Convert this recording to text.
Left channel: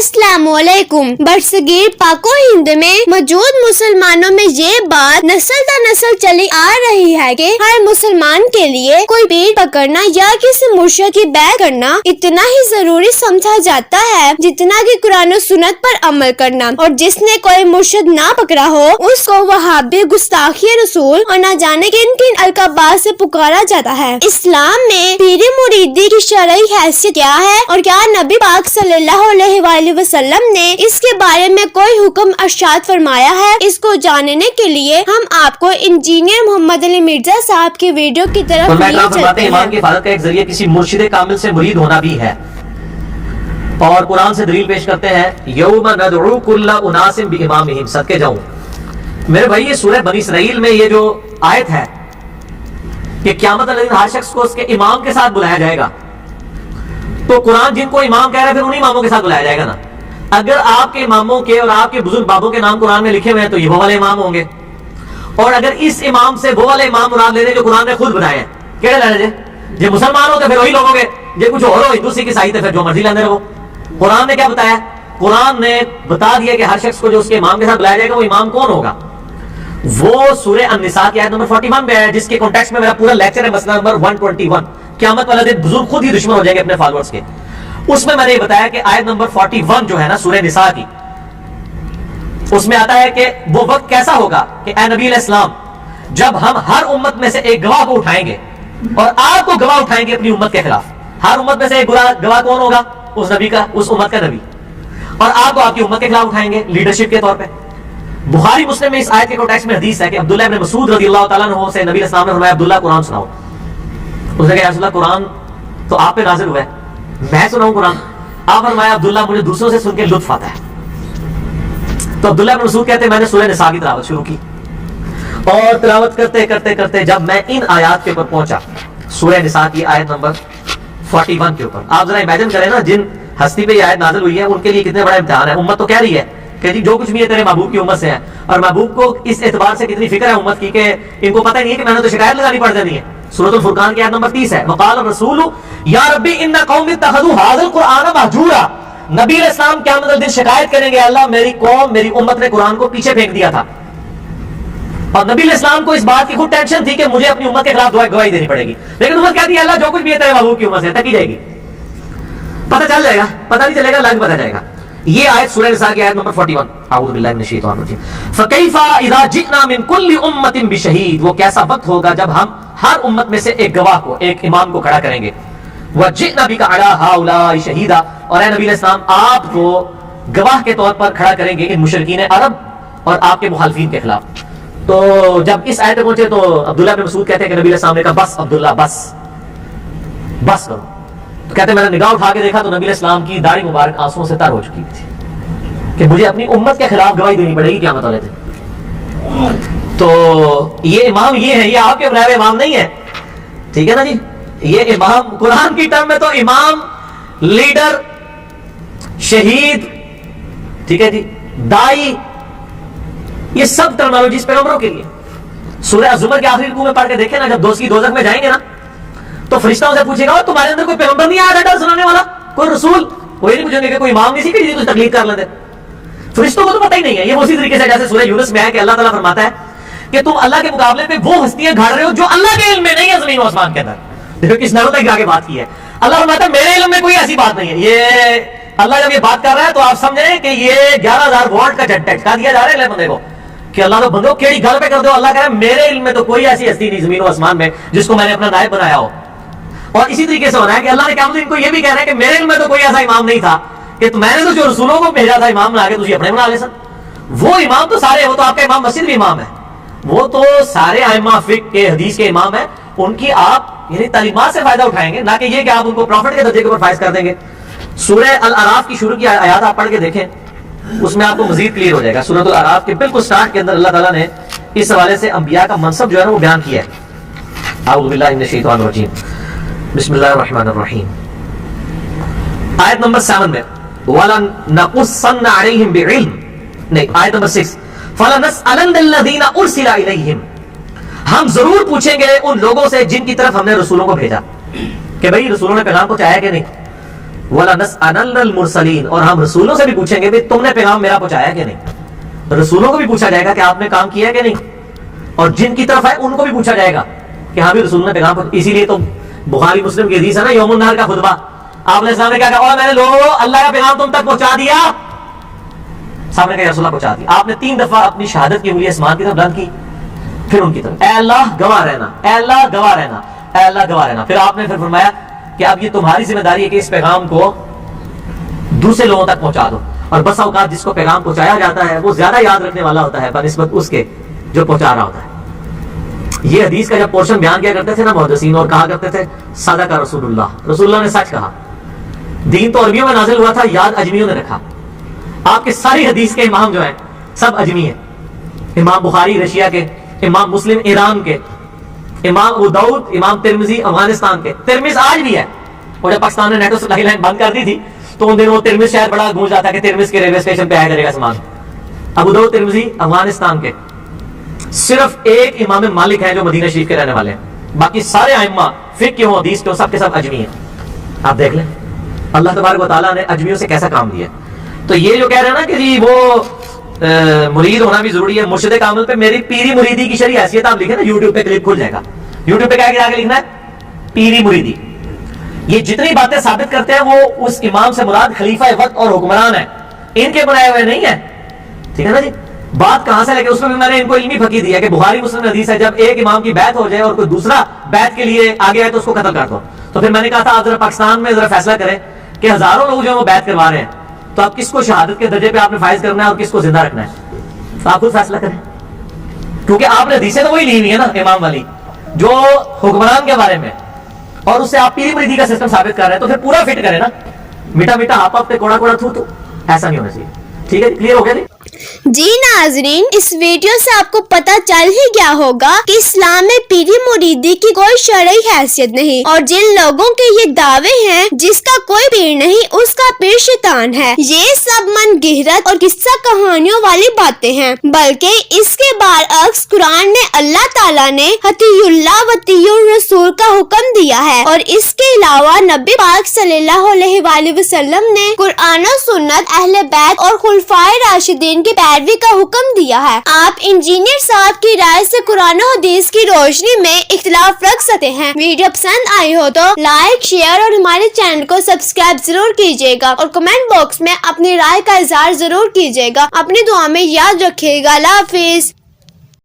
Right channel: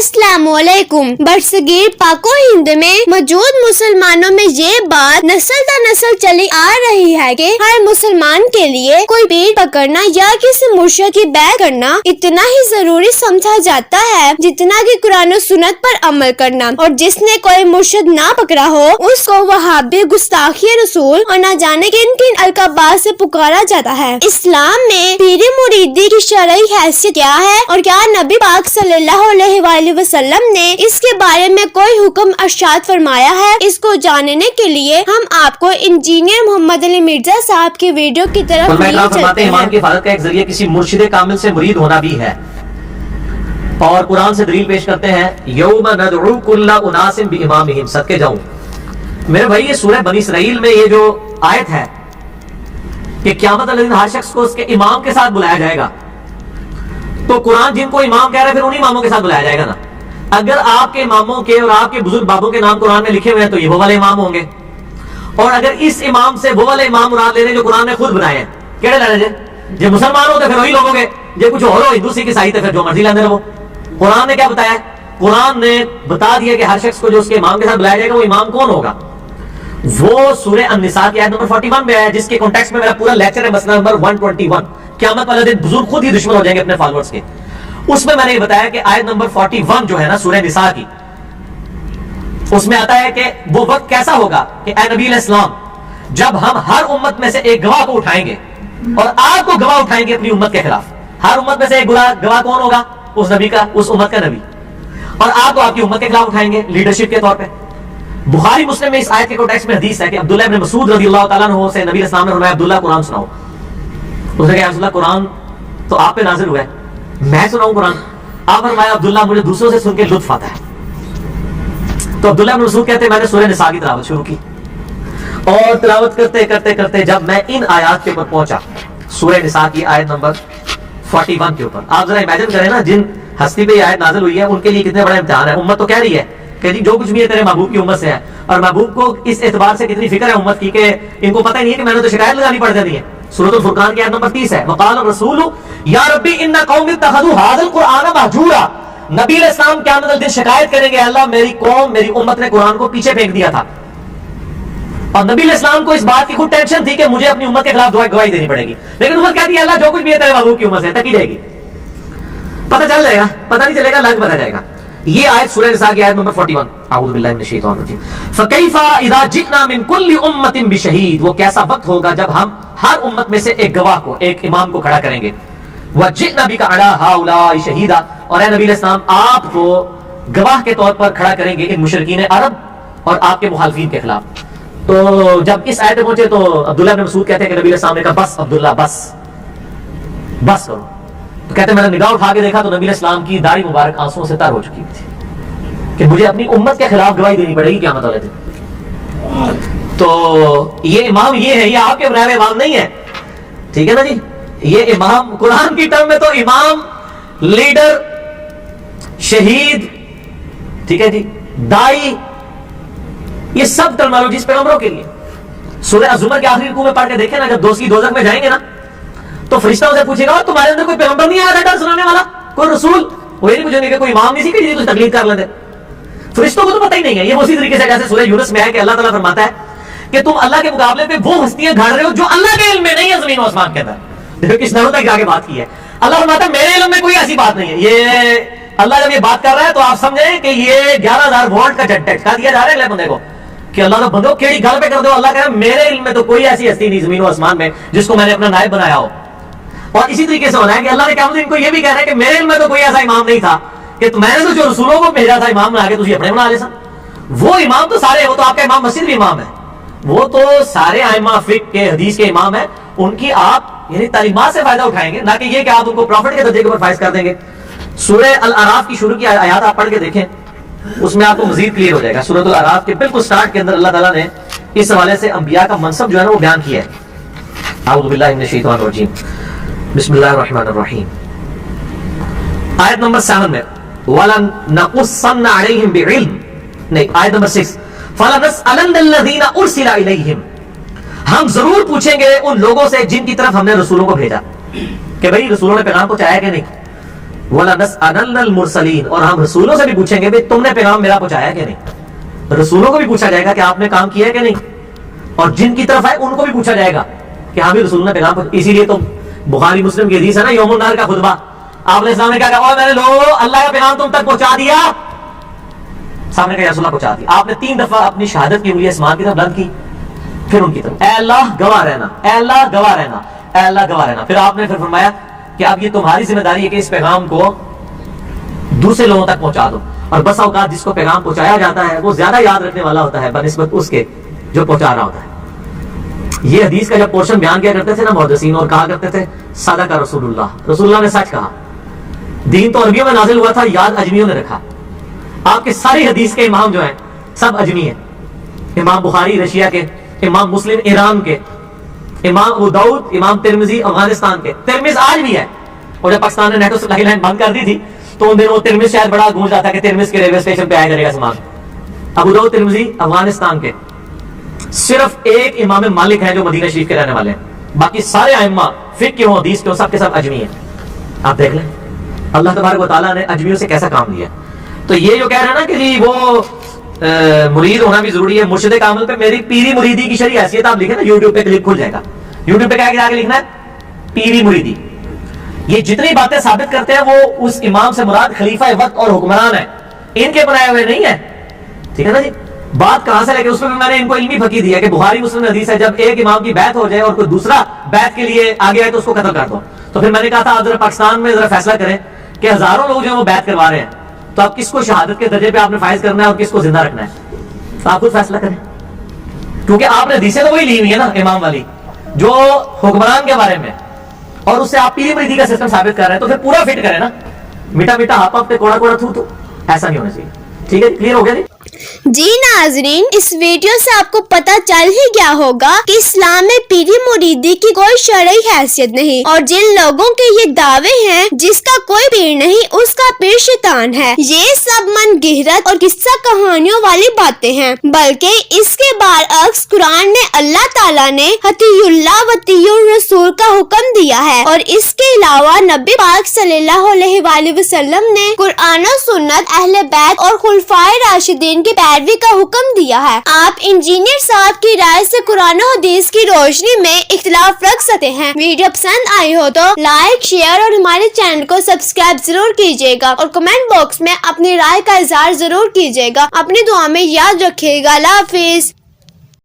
अस्सलाम वालेकुम। बरसगीर पाको हिंद में मौजूद मुसलमानों में ये बात नस्ल दर नस्ल चली आ रही है कि हर मुसलमान के लिए कोई पीर पकड़ना या किसी मुर्शिद की बैत करना इतना ही जरूरी समझा जाता है जितना कि कुरान और सुन्नत पर अमल करना, और जिसने कोई मुर्शिद ना पकड़ा हो उसको वहाबी, गुस्ताखी रसूल और न जाने किन किन अलकाबात से पुकारा जाता है। इस्लाम में पीर मुरीदी की शरई हैसियत क्या है और क्या नबी पाक सल्लल्लाहु अलैहि वसल्लम ने इसके बारे में कोई हुक्म इरशाद फरमाया है, इसको जानने के लिए हम आपको इंजीनियर मोहम्मद अली मिर्जा साहब की वीडियो की तरफ लिए चलते हैं। इमाम की हिफाजत का एक जरिया किसी मुर्शिद कामिल से मुरीद होना भी है, और कुरान से दलील पेश करते हैं यौमा नदउ कुल्ला उनासिम बिइमामिहिम। सदके जाऊं मेरे भाई, ये सूरह बनी इसराइल में ये जो आयत है कि क़यामत वाले दिन हर शख्स को उसके इमाम के साथ बुलाया जाएगा, तो कुरान जिनको इमाम कह रहा है फिर उन्हीं इमामों के साथ बुलाया जाएगा ना। अगर आपके इमामों के और आपके बुजुर्ग बाबों के नाम कुरान में लिखे हुए हैं तो ये वो वाले इमाम होंगे, और अगर इस इमाम से वो वाले इमाम मुराद ले रहे जो कुरान ने खुद बताए हैं, केड़े लेने जे जे मुसलमान हो तो फिर वही लोग होंगे, जे कुछ और हो हिंदू सिख ईसाई तो फिर जो मर्जी लेने रहो। कुरान ने क्या बताया? कुरान ने बता दिया कि हर शख्स को जो उसके इमाम के साथ बुलाया जाएगा वो इमाम कौन होगा। वो सूरह अन-निसा की आयत नंबर 41 में है, जिसके कॉन्टेक्स्ट में मेरा पूरा लेक्चर है, मसला नंबर 121। क़यामत वाले दिन बुजुर्ग खुद ही दुश्मन हो जाएंगे अपने फॉलोअर्स के। उसमें मैंने ये बताया कि आयत नंबर 41 जो है ना सूरह निसा की, उसमें आता है कि वो वक्त कैसा होगा कि ए नबी अलैहिस्सलाम, जब हम हर उम्मत में से एक गवाह को उठाएंगे और आपको गवाह उठाएंगे अपनी उम्मत के खिलाफ। हर उम्मत में से एक गवाह कौन होगा? उस नबी का, उस उम्मत का नबी, और आपको आपकी उम्मत के खिलाफ उठाएंगे लीडरशिप के तौर पे। बुखारी मुस्लिम में इस आयत के कॉन्टेक्स्ट में हदीस है कि अब्दुल्लाह इब्न मसूद रज़ियल्लाहु तआला अन्हु से नबी अलैहिस्सलाम ने फरमाया, अब्दुल्लाह कुरान सुनाओ। उसने कहा, या रसूलल्लाह कुरान तो आप पे नाजिल हुआ है, मैं सुनाऊं कुरान? आप फरमाया, अब्दुल्लाह मुझे दूसरों से सुन के लुत्फ आता है। तो अब्दुल्लाह इब्न मसूद कहते हैं मैंने सूरह निसा की तिलावत शुरू की, और तिलावत करते करते करते जब मैं इन आयत के ऊपर पहुंचा, सूरह निसा की आयत नंबर 41 के ऊपर, आप जरा इमेजिन करें ना, जिन हस्ती पे ये आयत नाजिल हुई है उनके लिए कितने बड़ा इम्तिहान है। उम्मत तो कह रही है कि जो कुछ भी है तेरे महबूब की उम्मत से है, और महबूब को इस एतबार से कितनी फिक्र है उम्मत की कि इनको पता नहीं है कि मैंने तो शिकायत लगानी पड़ जानी है। सूरतुल फुरकान की आयत नंबर 30 है, वक़ाल रसूलु या रब्बी इन्ना कौमी इत्तखज़ू हाज़ल कुरआन महजूरा। नबी अलैहिस्सलाम क़यामत वाले दिन शिकायत करेंगे, अल्लाह मेरी कौम, मेरी उम्मत ने कुरान को पीछे फेंक दिया था। और नबी अलैहिस्सलाम को इस बात की खुद टेंशन थी कि मुझे अपनी उम्मत के खिलाफ गवाही देनी पड़ेगी, लेकिन उम्मत कहती है अल्लाह जो कुछ भी है तेरे महबूब की उम्मत से तकी जाएगी, पता चल जाएगा, पता नहीं चलेगा, लग पता जाएगा। ये आयत सूरह निसा की आयत नंबर 41। अऊज़ु बिल्लाहि मिनश शैतानिर रजीम। फकैफा इज़ा जि'ना मिन कुल्ली उम्मतिन बिशहीद। वो कैसा वक्त होगा जब हम हर उम्मत में से एक गवाह को, एक इमाम को खड़ा करेंगे। वजि'ना बिका अला हाउलाई शहीदा। और ए नबी अलैहिस्सलाम आपको गवाह के तौर पर खड़ा करेंगे इन मुशरिकीन अरब और आपके मुखालिफिन के खिलाफ। तो जब इस आयत पे पहुंचे तो अब्दुल्लाह इब्न मसूद कहते हैं कि नबी अलैहिस्सलाम ने कहा, बस अब्दुल्लाह बस करो। तो कहते मैंने निगाह उठा के देखा तो नबी अलैहिस्सलाम की दाढ़ी मुबारक आंसुओं से तर हो चुकी थी कि मुझे अपनी उम्मत के खिलाफ गवाही देनी पड़ेगी क़यामत वाले दिन। तो ये इमाम ये है, ये आपके बनाए हुए इमाम नहीं है, ठीक है ना जी। ये इमाम कुरान की टर्म में तो इमाम, लीडर, शहीद, ठीक है जी, दाई, ये सब टर्मिनोलॉजीज पैगंबरों के लिए। सूरह अज़-ज़ुमर के आखिरी रुकू में पढ़ के देखें ना, जब दोस्त की दोज़ख में जाएंगे ना तो फरिश्ता उनसे पूछेगा, और तुम्हारे अंदर कोई पैगंबर नहीं आया था डर सुनाने वाला, कोई रसूल? वो ये नहीं पूछेंगे कि कोई इमाम नहीं सीखी जिसकी तुझे तकलीफ कर लेते। फरिश्तों को तो पता ही नहीं है। ये उसी तरीके से जैसे सूरह यूनुस में है कि अल्लाह ताला फरमाता है कि तुम अल्लाह के मुकाबले पे वो हस्तियां गाड़ रहे हो जो अल्लाह के इल्म में नहीं है, जमीन और आसमान के अंदर। देखो किस नज़र तक जाके बात की है। अल्लाह फरमाता है मेरे इल्म में कोई ऐसी बात नहीं है। ये अल्लाह जब ये बात कर रहा है तो आप समझे कि ये 11,000 वोल्ट का झटका दिया जा रहा है अगले बंदे को कि अल्लाह तो बंदो केड़ी गल पे कर दो। अल्लाह कह रहा है मेरे इल्म में तो कोई ऐसी हस्ती नहीं जमीन और आसमान में जिसको मैंने अपना नायब बनाया हो। और इसी तरीके से होना है कि अल्लाह ने क्या इनको ये भी कहना है कि मेरे इल्म में तो कोई ऐसा इमाम नहीं था कि मैंने तो जो रसूलों को भेजा था इमाम बना के तुझे अपने बना ले सन। वो इमाम तो सारे, वो तो आपका इमाम मस्जिद भी इमाम है, वो तो सारे आइम्मा फिक़्ह के, हदीस के इमाम है। उनकी आप यानी तालीमात से फायदा उठाएंगे, ना कि ये कि आप उनको प्रॉफिट के दर्जे के ऊपर फाइज कर देंगे। सूरह अल अराफ की शुरू की आयत आप पढ़ के देखें, उसमें आपको मजीद क्लियर हो जाएगा। सूरह अल अराफ के बिल्कुल स्टार्ट के अंदर अल्लाह ताला ने इस हवाले से अंबिया का मनसब जो है ना वो बयान किया है। अऊज़ु बिल्लाहि मिनश शैतानिर रजीम, बिस्मिल्लाहिर रहमानिर रहीम। आयत नंबर 7 में वला नकुस्सन्ना अलैहिम बिइल्म, नहीं आयत नंबर 6, फलनसअलन्नल्लज़ीना उरसिला इलैहिम। हम जरूर पूछेंगे उन लोगों से जिनकी तरफ हमने रसूलों को भेजा कि भाई रसूलों ने पैगाम पहुंचाया कि नहीं। وَلَنَسْأَلَنَّ الْمُرْسَلِينَ، اور ہم رسولوں سے بھی پوچھیں گے بھئی تم نے پیغام میرا پہنچایا کہ نہیں. رسولوں کو بھی پوچھا جائے گا کہ آپ نے کام کیا ہے کہ نہیں، اور جن کی طرف آئے ان کو بھی پوچھا جائے گا کہ ہاں بھی رسول نے پیغام پہنچایا. اسی لیے تو بخاری مسلم کی حدیث ہے نا یوم النہر کا خطبہ، آپ علیہ السلام نے کیا کہا، اور میں نے لوگوں اللہ کا پیغام تم تک پہنچا دیا. صاحب نے کہا یا رسول اللہ پہنچا دیا. آپ نے 3 دفعہ اپنی شہادت کی انگلی آسمان کی طرف بلند کی، پھر ان کی طرف، اے اللہ گواہ رہنا، اے اللہ گواہ رہنا، اے اللہ گواہ رہنا. پھر آپ نے پھر فرمایا کہ اب یہ تمہاری ذمہ داری ہے کہ اس پیغام کو دوسرے لوگوں تک پہنچا دو. اور بس اوقات جس کو پیغام پہنچایا جاتا ہے وہ زیادہ یاد رکھنے والا ہوتا ہے بنسبت اس کے جو پہنچا رہا ہوتا ہے. یہ حدیث کا جب پورشن بیان کیا کرتے تھے نا محدثین، اور کہا کرتے تھے صدق رسول اللہ، رسول اللہ نے سچ کہا. دین تو عربیوں میں نازل ہوا تھا، یاد اجمیوں نے رکھا. آپ کے ساری حدیث کے امام جو ہیں سب اجمی ہیں. امام بخاری رشیا کے، امام مسلم ایران کے، امام ابو داؤد، امام ترمذی افغانستان کے. ترمذ آج بھی ہے، اور جب پاکستان نے نیٹو سپلائی لائن بند کر دی تھی تو ان دنوں وہ ترمذ شاید بڑا گونج رہا تھا کہ ترمذ کے ریلوے اسٹیشن پہ آیا کرے گا سامان. ابو داؤد ترمذی افغانستان کے. صرف ایک امام مالک ہیں جو مدینہ شریف کے رہنے والے ہیں، باقی سارے ائمہ فقہ کے ہوں حدیث کے ہوں سب کے سب اجمی ہیں. آپ دیکھ لیں اللہ تبارک و تعالیٰ نے اجمیوں سے کیسا کام لیا. تو یہ جو کہہ رہے ہیں نا کہ جی وہ مرید ہونا بھی ضروری ہے، مرشد کامل پہ میری پیری مریدی کی شرعی حیثیت آپ لکھیں نا، یوٹیوب پہ کلپ کھل جائے گا. یوٹیوب پہ کیا آگے لکھنا ہے پیری مریدی. یہ جتنی باتیں ثابت کرتے ہیں وہ اس امام سے مراد خلیفہ وقت اور حکمران ہے، ان کے بنائے ہوئے نہیں ہے. ٹھیک ہے نا جی. بات کہاں سے لے کے اس میں بھی میں نے ان کو علمی پھکی دیا کہ بخاری مسلم حدیث ہے جب ایک امام کی بیعت ہو جائے اور کوئی دوسرا بیعت کے لیے آگے آئے تو اس کو قتل کر دو. تو پھر میں نے کہا تھا آپ ذرا پاکستان میں ذرا فیصلہ کریں کہ ہزاروں لوگ جو ہیں وہ بیعت کروا رہے ہیں، تو آپ کس کو شہادت کے درجے پہ آپ نے فائز کرنا ہے اور کس کو زندہ رکھنا ہے، تو آپ خود فیصلہ کریں. کیونکہ آپ نے حدیثیں تو وہی لی ہوئی ہے نا امام والی جو حکمران کے بارے میں، اور اس سے آپ پیری مریدی کا سسٹم ثابت کر رہے ہیں، تو پھر پورا فٹ کریں نا. میٹھا میٹھا ہاپ ہاپ پہ کوڑا کوڑا تھو تو ایسا نہیں ہونا چاہیے. ٹھیک ہے کلیئر ہو گیا جی. جی ناظرین، اس ویڈیو سے آپ کو پتا چل ہی گیا ہوگا کہ اسلام میں پیری مریدی کی کوئی شرعی حیثیت نہیں، اور جن لوگوں کے یہ دعوے ہیں جس کا کوئی پیر نہیں اس کا پیر شیطان ہے، یہ سب من گہرت اور قصہ کہانیوں والی باتیں ہیں. بلکہ اس کے برعکس قرآن میں اللہ تعالیٰ نے اطیع اللہ وطیع الرسول کا حکم دیا ہے، اور اس کے علاوہ نبی پاک صلی اللہ علیہ وآلہ وسلم نے قرآن و سنت، اہل بیت اور خلفائے راشدین کی پیروی کا حکم دیا ہے. آپ انجینئر صاحب کی رائے سے قرآن و حدیث کی روشنی میں اختلاف رکھ سکتے ہیں. ویڈیو پسند آئی ہو تو لائک، شیئر اور ہمارے چینل کو سبسکرائب ضرور کیجیے گا، اور کمنٹ باکس میں اپنی رائے کا اظہار ضرور کیجیے گا. اپنی دعا میں یاد رکھیے گا. اللہ حافظ.